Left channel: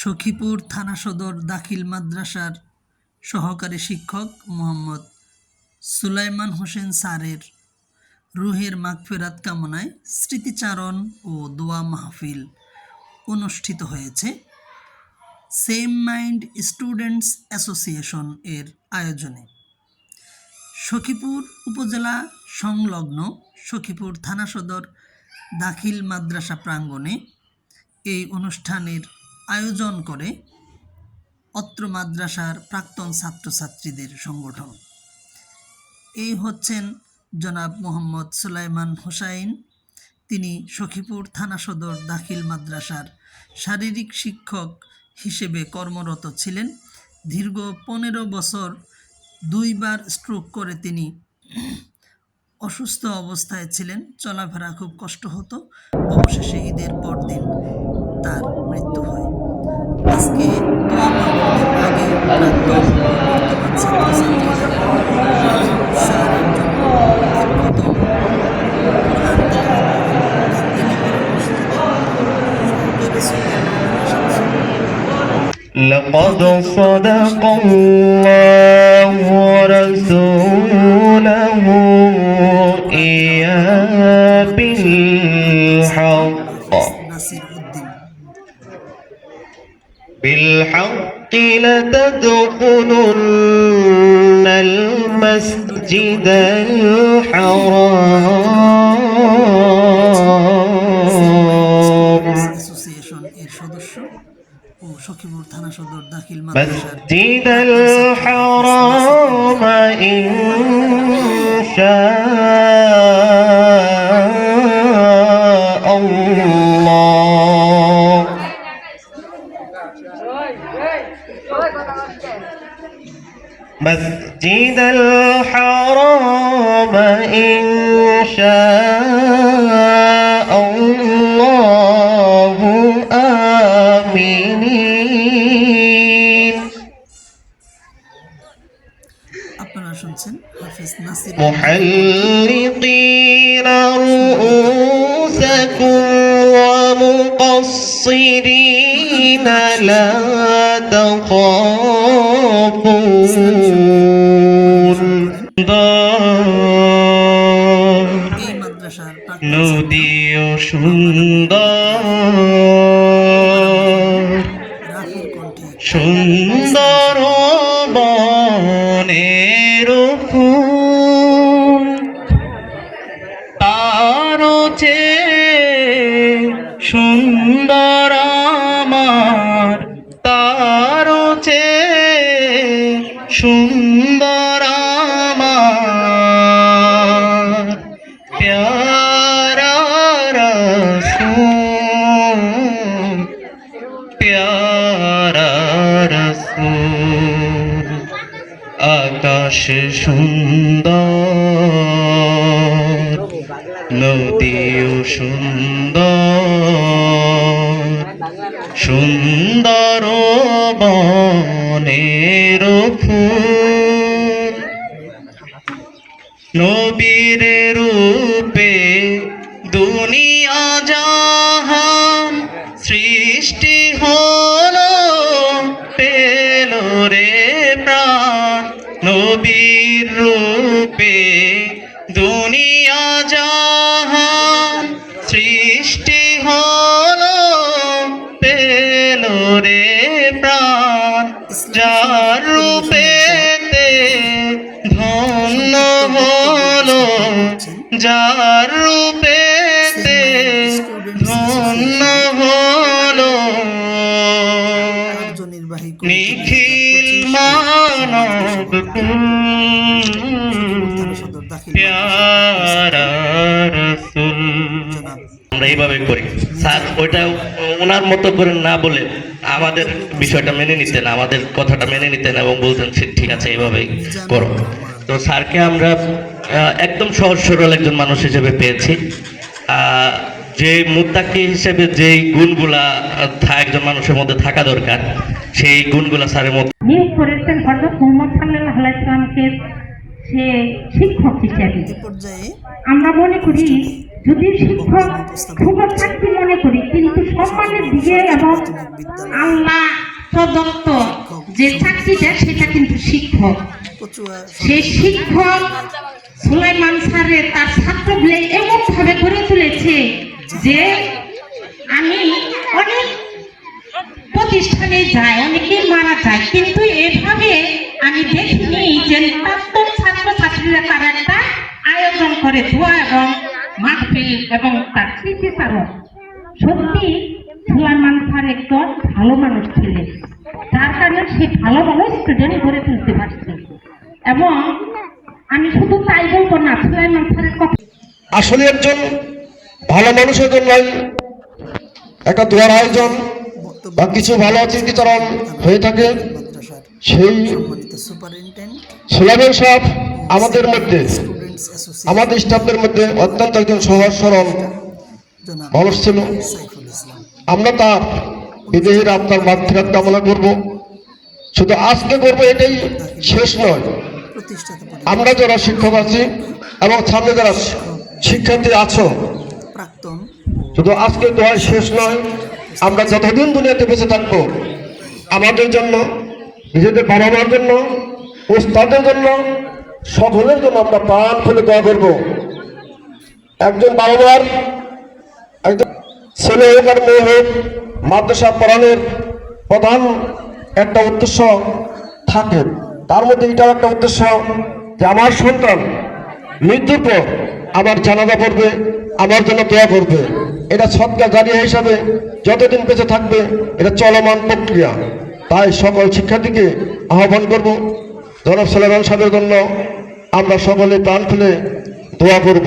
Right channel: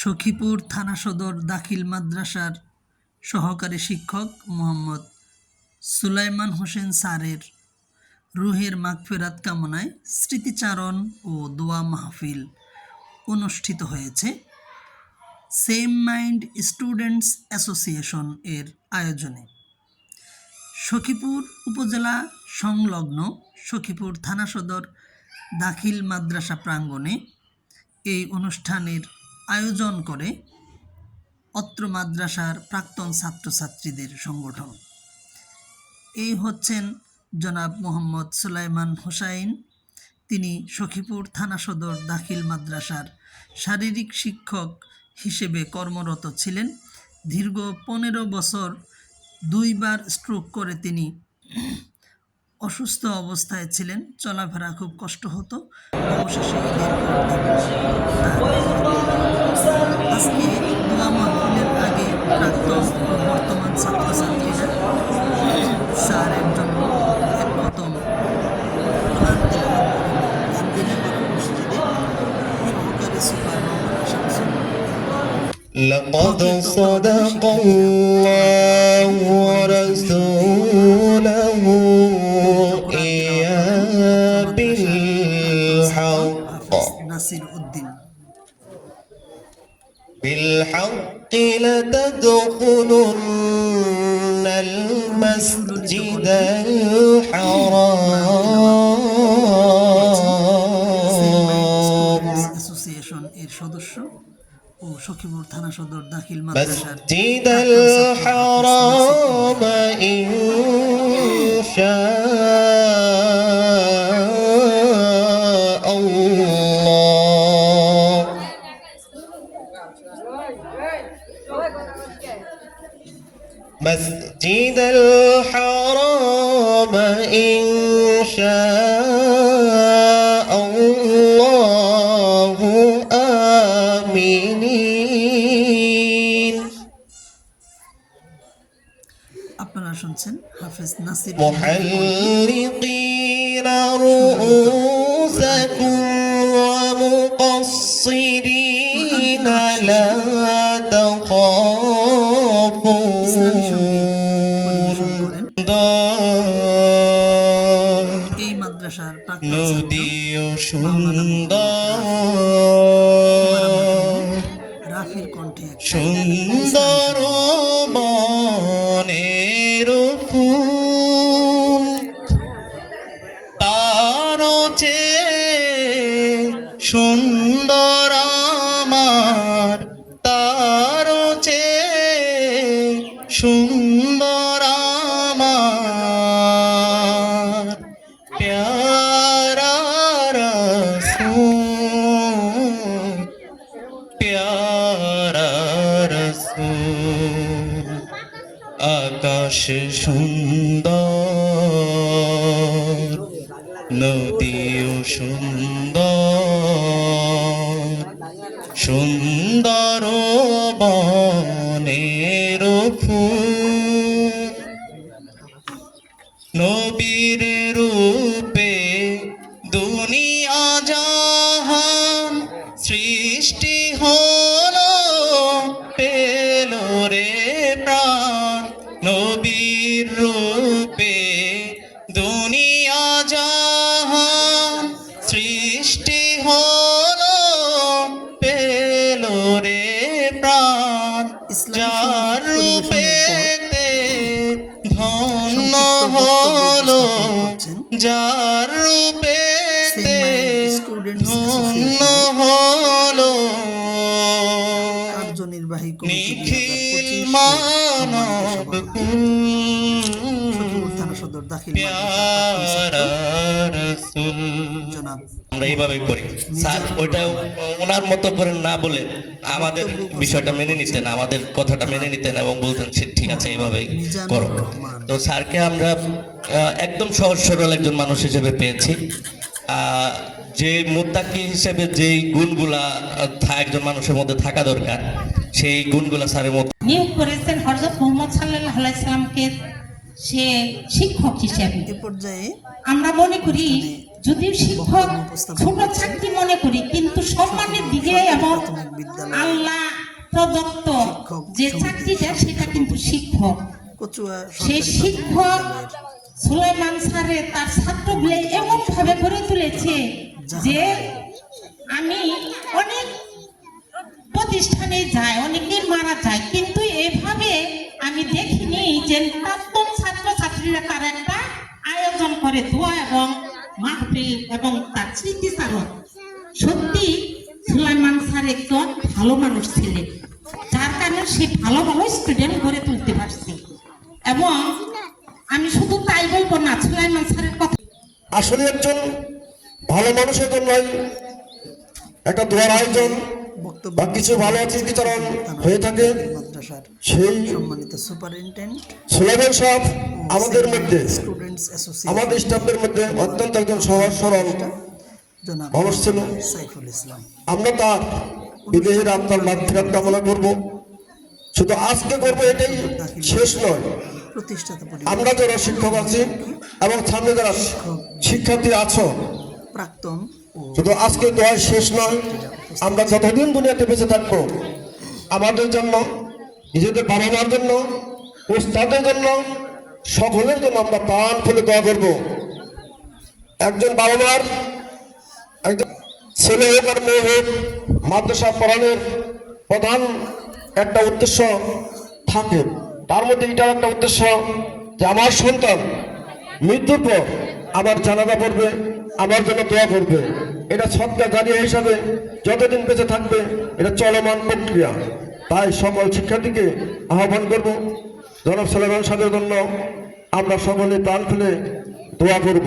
সখীপুর থানা সদর দাখিল মাদ্রাসার সহকারী শিক্ষক মোহাম্মদ সুলাইমান হোসেন স্যারের রুহের মাগফেরাত কামনায় স্মৃতিচারণ ও দোয়া মাহফিল অনুষ্ঠিত হয়েছে। সেম মাইন্ড স্টুডেন্টস অ্যাসোসিয়েশন এর আয়োজনে সখীপুর উপজেলা সংলগ্ন সখীপুর থানা সদর দাখিল মাদ্রাসা প্রাঙ্গণে এই অনুষ্ঠানের আয়োজন করে অত্র মাদ্রাসার প্রাক্তন ছাত্রছাত্রীদের সংগঠন। এই হচ্ছেন জনাব মোহাম্মদ সুলাইমান হোসাইন। তিনি সখীপুর থানা সদর দাখিল মাদ্রাসার শারীরিক শিক্ষক হিসেবে কর্মরত ছিলেন। দীর্ঘ পনেরো বছর দুইবার স্ট্রোক করে তিনি অসুস্থ অবস্থায় ছিলেন। চলাফেরা খুব কষ্ট হতো। অবশেষে ঈদের পর দিন তার মৃত্যু। আজকে দোয়া মাহফিলের আগে প্রাক্তন ও বর্তমান ছাত্রছাত্রীরা স্যারের জন্য এক কদম কোরআন তেলাওয়াত করেন। গান্ধীনগর মসজিদে সহকারী সুপার মাওলানা শামসুল لقد صدق الله بالحق لتدخلن المسجد الحرام অ্যাসোসিয়েশন এর সদস্য ও সখীপুর থানা সদর দাখিল মাদ্রাসার مسجد الحرام إن شاء مسجد الحرام إن شاء الله. آمين. محلقين رؤوسكم ومقصرين لا تخافون. এই মাদ্রাসার প্রাক্তন সুন্দর। রাফির কণ্ঠে। সুন্দর বনের ফুল। তার সুন্দর আমার। তার সুন্দর আকাশ সুন্দর নদীও সুন্দর সুন্দর যার রূপে কার্যনির্বাহী কমিটি সদর দাখিল আমরা এইভাবে করি। স্যার, ওইটা ওনার মতো করে না বলে আমাদের বিষয়টা মেনে নিতেন, আমাদের কথাটা মেনে নিতেন এবং বলতেন "সে ঠিক আছে, এইভাবেই করো। তো স্যারকে আমরা একদম সহজ সরল একজন মানুষ হিসেবে পেয়েছি। যে মুত্তাকি হিসেবে যেই গুণগুলা একজন মানুষের মধ্যে থাকা দরকার, সেই গুণগুলা স্যারের মধ্যে নিয়োগ করেছেন হজরত মোহাম্মদ সাল্লাহ আলাইসলামকে সে শিক্ষক হিসেবে। পর্যায়ে আমরা মনে করি যদিও শিক্ষক ছোট চাকরি মনে করি কিন্তু সম্মানের দিকে এবং আল্লাহ প্রদত্ত যে চাকরিটা সেটা কিন্তু শিক্ষক। সেই শিক্ষক সুলাইমান স্যারে তার ছাত্রগুলো এমন ভাবে গড়ে তুলেছে যে আমি অনেক করে ধোয়া এবং মাহফিল এবং তার স্মৃতিচারক সত্যি সুলাইমান স্যার একজন ভালো মানুষ ছিলেন, যার কারণে সে ভালো ভালো স্টুডেন্ট গড়ে তুলতে পারছে। এবং আমি শুধু তাই বলব না সুলাইমান স্যারের কথা আসলে একজন ভালো মানুষের জন্য একটা দোয়ার আয়োজন বা কিছু ভালো স্মৃতিচারণ হয়ে থাকে। মাদ্রাসার সেই সম্মানিত সুপারিনটেন্ডেন্ট সাহেব আমাদের মধ্যে স্টুডেন্টস অ্যাসোসিয়েশন আমাদের স্টাফদের মধ্যে অত্যন্ত একজন সহজ সরল জনাব মানুষ ছিল। সাইফুল ইসলাম। আমরা তার বিদেহীর আপনার মাধ্যমে কামনা করব। শুধু আজকে করব এটাই শেষ নয়। প্রতিষ্ঠাতা আমরা যারা শিক্ষক আছি এবং সামনে যারা শিক্ষার্থী আছো প্রাক্তন শুধু আজকে দোয়ার শেষ নয়। আমরা যতদিন দুনিয়াতে বেঁচে থাকব আমাদের জন্য নিজেদের বাবা মার জন্য, ওস্তাদের জন্য, সকলের জন্য আমরা প্রাণ খুলে দোয়া করব। একজন বাবা মার একজন ছেলে হোক আর মেয়ে হোক, মাদ্রাসা পড়ানোর প্রধান একটা উদ্দেশ্য থাকে। তার মধ্যে এটাও একটা উদ্দেশ্য যে আমার সন্তান মৃত্যুর পর আমার জানাজা পড়বে আমার জন্য দোয়া করবে। এটা সৎকার জারিয়া হিসাবে যতদিন বেঁচে থাকবে, এটা চলমান প্রক্রিয়া। তাই সকল শিক্ষার্থীকে আহ্বান করব। জনাব সালেমান সাহেবের জন্য আমরা সকলে প্রাণ খুলে দোয়া করব।